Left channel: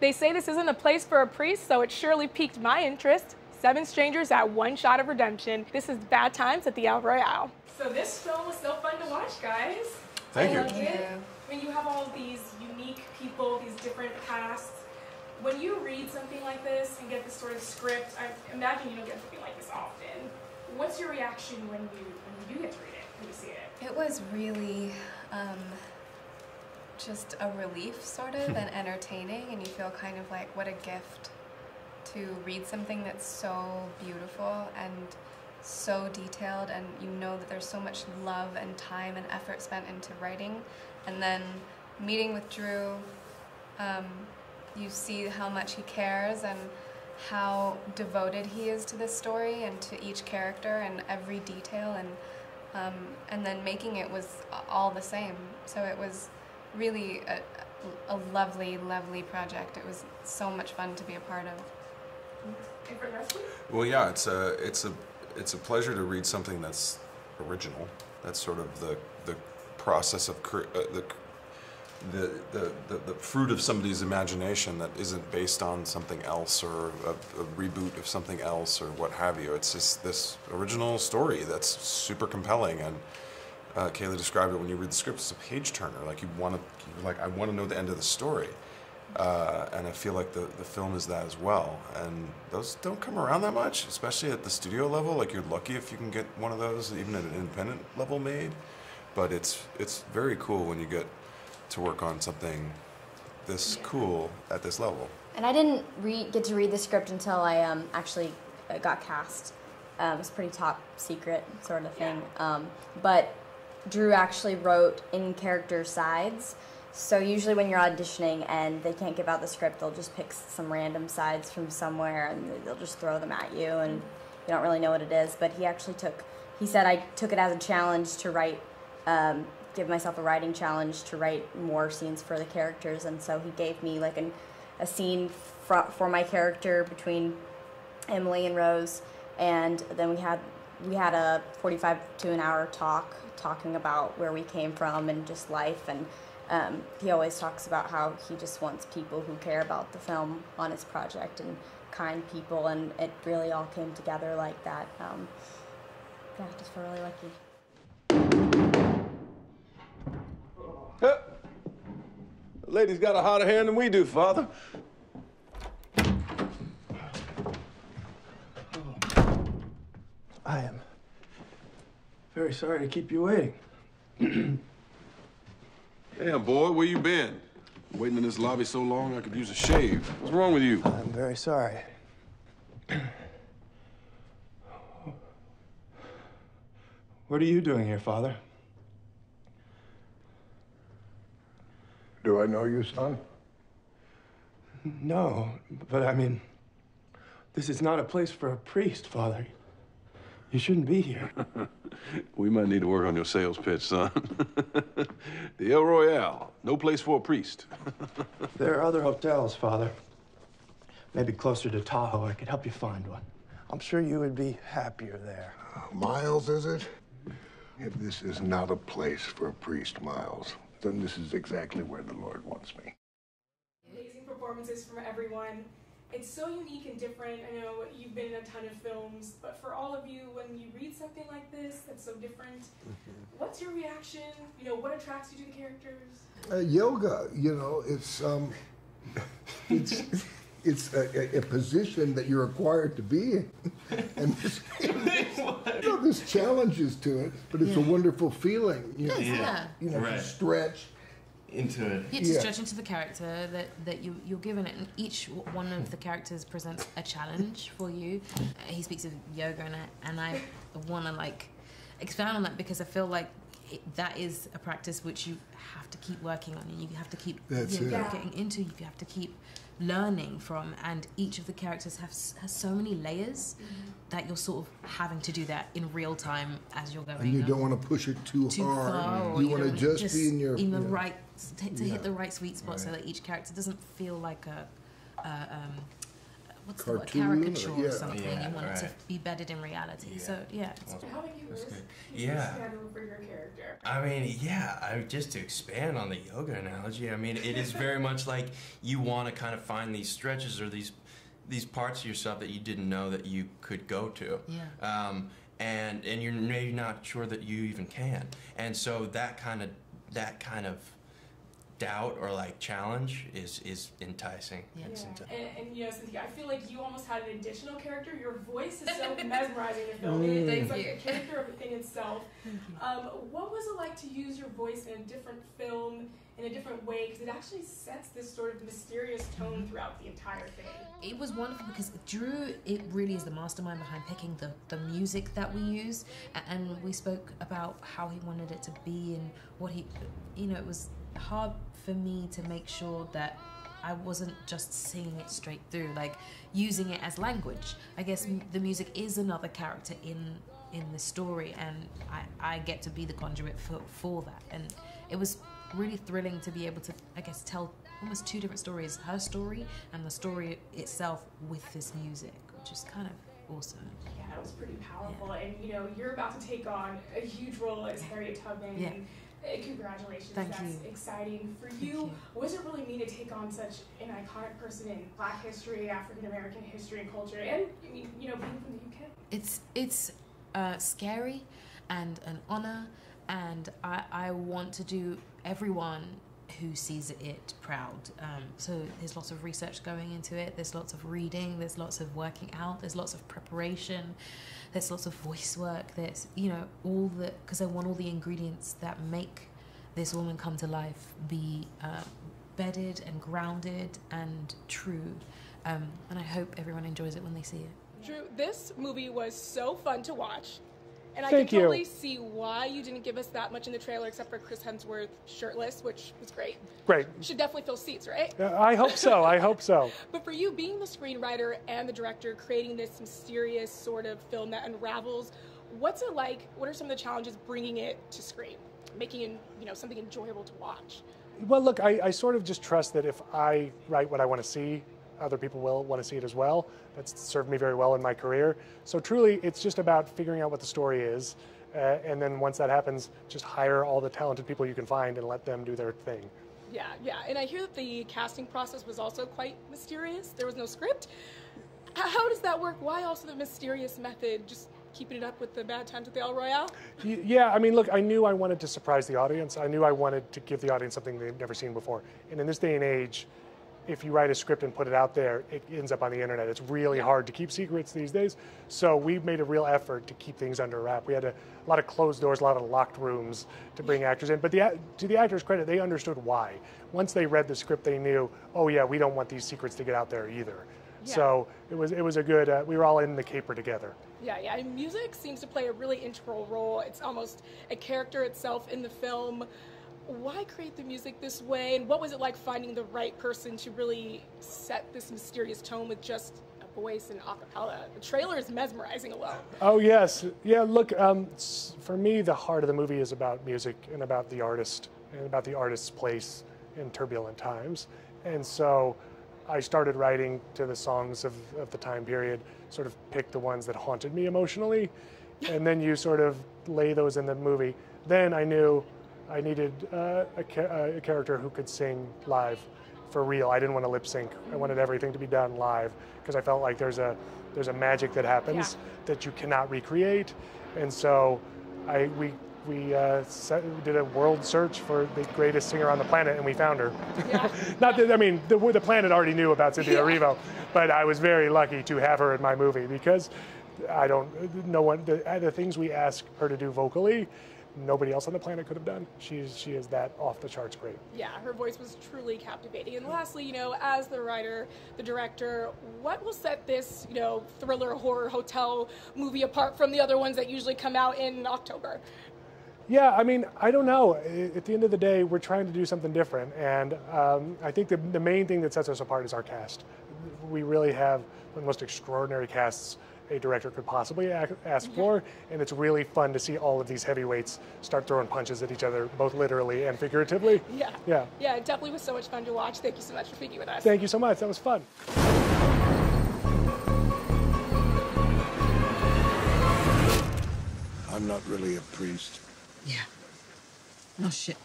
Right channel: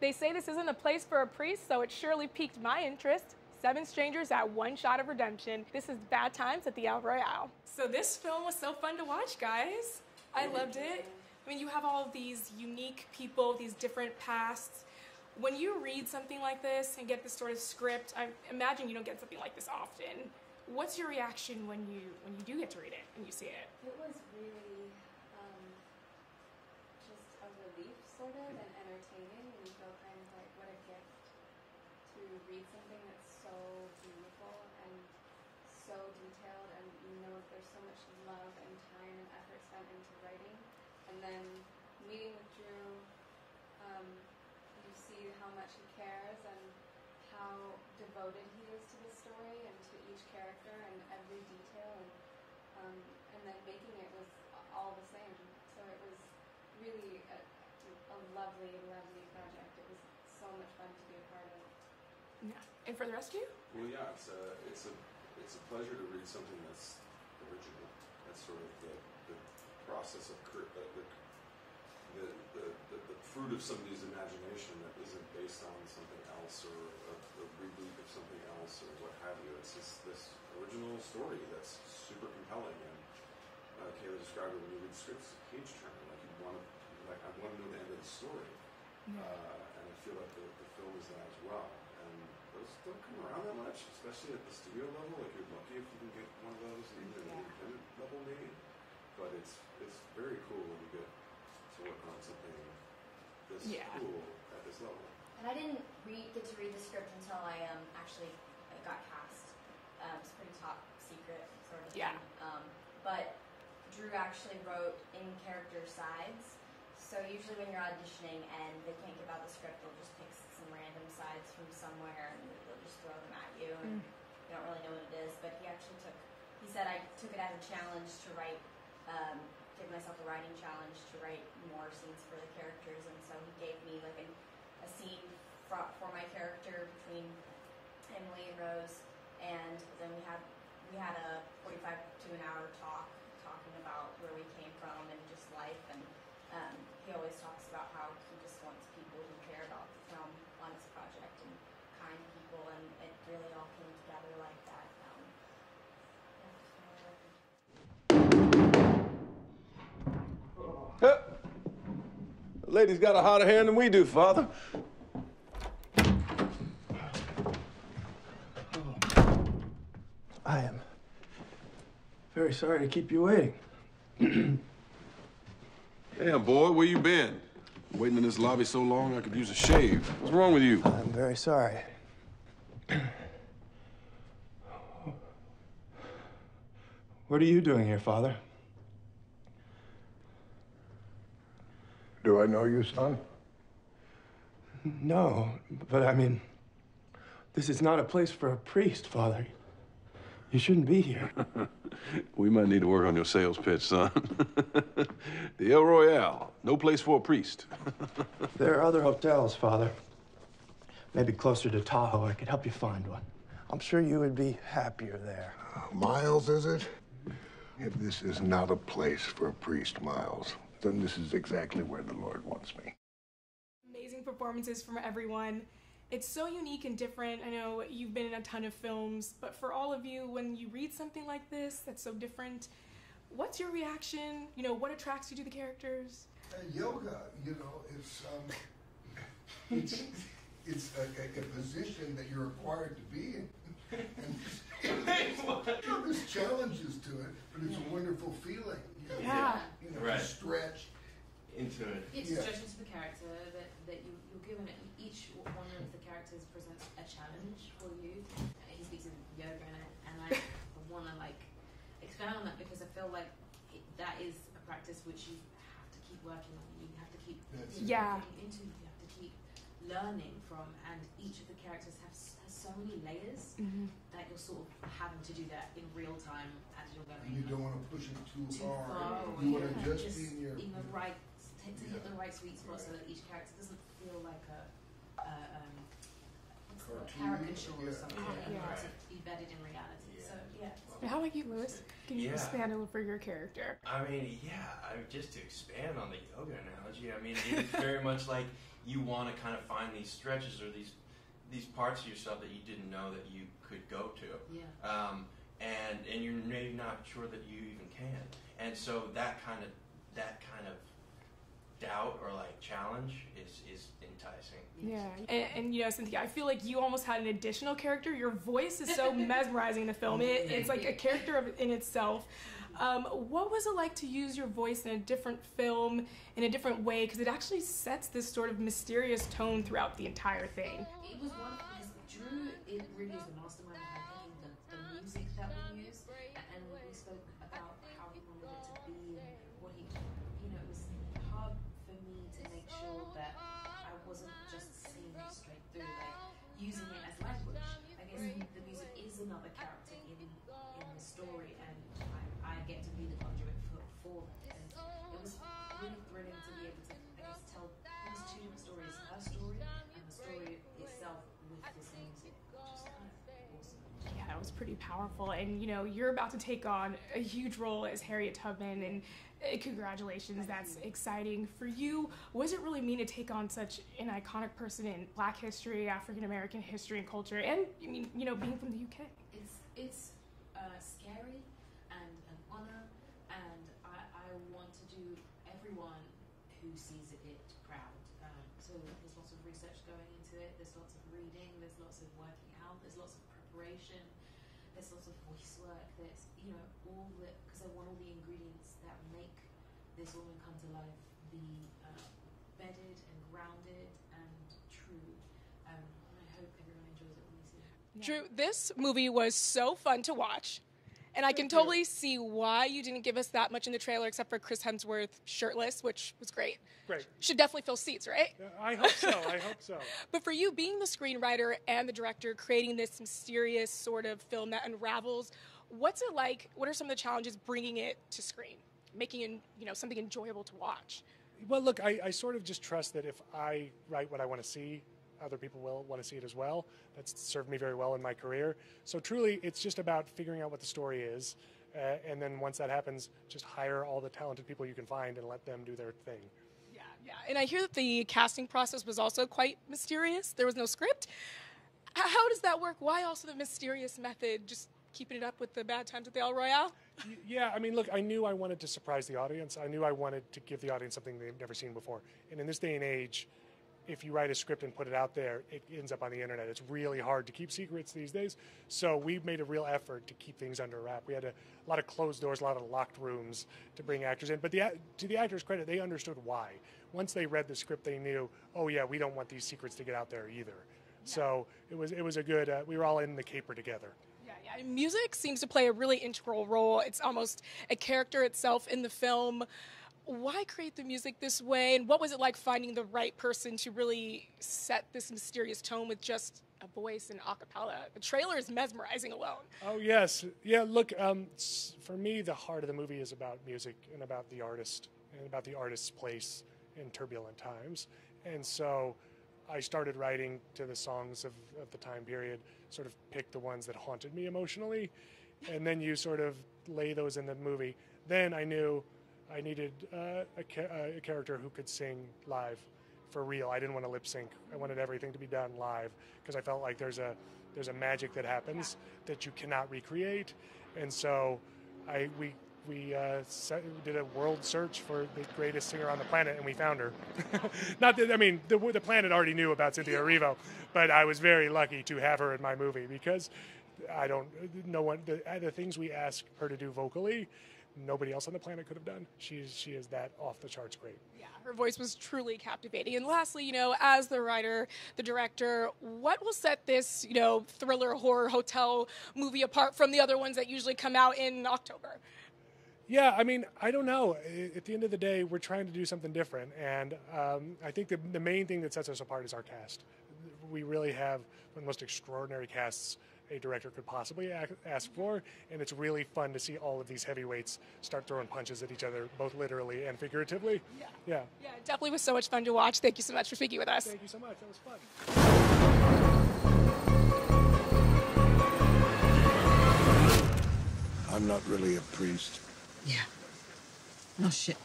They say this isn't a place for a priest, so it surely piqued my interest. 7 strangers at 1 shot of redemption. This is Bad Times at the Royale. So this film was so fun to watch, guys. Thank you. I loved it. I mean, you have all these unique people, these different pasts. When you read something like this and get this sort of script, I imagine you don't get something like this often. What's your reaction when you get to read it, when you see it? It was really just a relief, sort of, and entertaining, and you feel kind of like, what a gift to read something that's so beautiful and so detailed, and you know that there's so much love and time and effort spent into writing. And then meeting with Drew, you see how much he cares and how devoted he is to this story and to each character and every detail, and then making it was all the same. So it was really a lovely, lovely project. It was so much fun to be a part of. And for the rest of you? Well, yeah, it's a pleasure to read something that's original. That's sort of the process of the fruit of somebody's imagination that isn't based on something else or a reboot of something else or what have you. It's just this original story that's super compelling, and Kayla described it when you read the script. It's a page turner. Like I want to know the end of the story, and I feel like the film is that as well. And those don't come around that much, especially at the studio level. Like, you're lucky if you can get one of those, even at an independent level, made. But it's very cool when you get to work on something this cool at this level. And I didn't get to read the script until I actually got cast. It was pretty top secret sort of thing. But Drew actually wrote in-character sides. So usually when you're auditioning and they can't give out the script, they'll just pick some random sides from somewhere and they'll just throw them at you, and you don't really know what it is. But he said I took it as a challenge to write, give myself a writing challenge to write more scenes for the characters, and so he gave me like a scene for my character between Emily and Rose, and then we had a 45 to an hour talking about where we came from and just life, and he always talks about how he just wants people who care about the film on his project and kind people, and it really all came together like that. Yeah, just feel really lucky. The lady's got a hotter hand than we do, Father. I am very sorry to keep you waiting. Damn, boy, where you been? Waiting in this lobby so long I could use a shave. What's wrong with you? I'm very sorry. What are you doing here, Father? Do I know you, son? No, but I mean, this is not a place for a priest, Father. You shouldn't be here. We might need to work on your sales pitch, son. The Royale, no place for a priest. There are other hotels, Father. Maybe closer to Tahoe, I could help you find one. I'm sure you would be happier there. Miles, is it? If this is not a place for a priest, Miles, then this is exactly where the Lord wants me. Amazing performances from everyone. It's so unique and different. I know you've been in a ton of films, but for all of you, when you read something like this that's so different, what's your reaction? You know, what attracts you to the characters? Yoga, you know, it's a position that you're required to be in. And there's challenges to it, but it's a wonderful feeling. You know, to stretch into it. Yeah, to stretch into the character that you're given it, and each one of the characters presents a challenge for you. He speaks of yoga, and I want to like expand on that, because I feel like that is a practice which you have to keep working on, and you have to keep getting into. You have to keep learning from, and each of the characters has so many layers that you're sort of having to do that in real time as you're going. And you don't want to push it too hard. You want to just be in the right to hit the right sweet spot, so that each character doesn't feel like what's the word? Cartoon Caricature or- or yeah. something. Yeah, You want it to right. be bedded in reality. Yeah. So yeah. How about you, Lewis? Can you Yeah. expand a little for your character? I mean, yeah, just to expand on the yoga analogy, I mean, it is very much like you want to kind of find these stretches or these parts of yourself that you didn't know that you could go to. Yeah. And you're maybe not sure that you even can. And so that kind of doubt or like challenge is enticing. Yeah. And you know, Cynthia, I feel like you almost had an additional character. Your voice is so mesmerizing in the film. It's like a character in itself. What was it like to use your voice in a different film, in a different way? Because it actually sets this sort of mysterious tone throughout the entire thing. It was wonderful because Drew, it really is the mastermind behind picking the music that we use, and we spoke about how he wanted it to be and what he, you know, it was hard for me to make sure that I wasn't just singing it straight through, like using it as language. I guess the music is another character in the story, and I get to be the conduit for that. And it was really thrilling to be able to, I guess, tell almost two different stories, her story and the story itself with this music, which is kind of awesome. Yeah, that was pretty powerful. And you know, you're about to take on a huge role as Harriet Tubman. Yeah. And congratulations, Thank that's you. exciting for you. What does it really mean to take on such an iconic person in Black history, African American history and culture, and I mean, you know, being from the UK? It's scary and an honor, and I want to do everyone who sees it proud. So there's lots of research going into it, there's lots of reading, there's lots of working out, there's lots of preparation, there's lots of voice work, there's, you know, because I want all the ingredients that make this woman come to life be bedded and grounded and true. And I hope everyone enjoys it when they see it. Drew, this movie was so fun to watch. And I Thank can you. totally see why you didn't give us that much in the trailer, except for Chris Hemsworth shirtless, which was great. Great. You should definitely fill seats, right? I hope so. I hope so. But for you, being the screenwriter and the director, creating this mysterious sort of film that unravels, what's it like? What are some of the challenges bringing it to screen, making it, you know, something enjoyable to watch? Well, look, I sort of just trust that if I write what I want to see, other people will want to see it as well. That's served me very well in my career. So truly, it's just about figuring out what the story is. And then once that happens, just hire all the talented people you can find and let them do their thing. Yeah, yeah. And I hear that the casting process was also quite mysterious. There was no script. How does that work? Why also the mysterious method? Just keeping it up with the Bad Times at the El Royale? Yeah, I mean, look, I knew I wanted to surprise the audience. I knew I wanted to give the audience something they've never seen before. And in this day and age, if you write a script and put it out there, it ends up on the internet. It's really hard to keep secrets these days. So we made a real effort to keep things under wrap. We had a lot of closed doors, a lot of locked rooms to bring actors in. But to the actors' credit, they understood why. Once they read the script, they knew, oh yeah, we don't want these secrets to get out there either. Yeah. So it was a good, we were all in the caper together. Yeah, yeah. And music seems to play a really integral role. It's almost a character itself in the film. Why create the music this way, and what was it like finding the right person to really set this mysterious tone with just a voice and a cappella? The trailer is mesmerizing alone. Oh, yes. Yeah, look, for me, the heart of the movie is about music and about the artist and about the artist's place in turbulent times. And so I started writing to the songs of the time period, sort of picked the ones that haunted me emotionally, and then you sort of lay those in the movie. Then I knew I needed a character who could sing live for real. I didn't want to lip sync. I wanted everything to be done live because I felt like there's a magic that happens that you cannot recreate. And so we did a world search for the greatest singer on the planet, and we found her. Yeah. Not that, I mean, the planet already knew about Cynthia Erivo, but I was very lucky to have her in my movie because the things we ask her to do vocally, nobody else on the planet could have done. She is that off the charts great. Yeah, her voice was truly captivating. And lastly, you know, as the writer, the director, what will set this, you know, thriller horror hotel movie apart from the other ones that usually come out in October? Yeah, I mean, I don't know. At the end of the day, we're trying to do something different, and I think the main thing that sets us apart is our cast. We really have the most extraordinary casts a director could possibly ask for, and it's really fun to see all of these heavyweights start throwing punches at each other, both literally and figuratively. Yeah, it definitely was so much fun to watch. Thank you so much for speaking with us. Thank you so much. That was fun. I'm not really a priest. Yeah. No shit.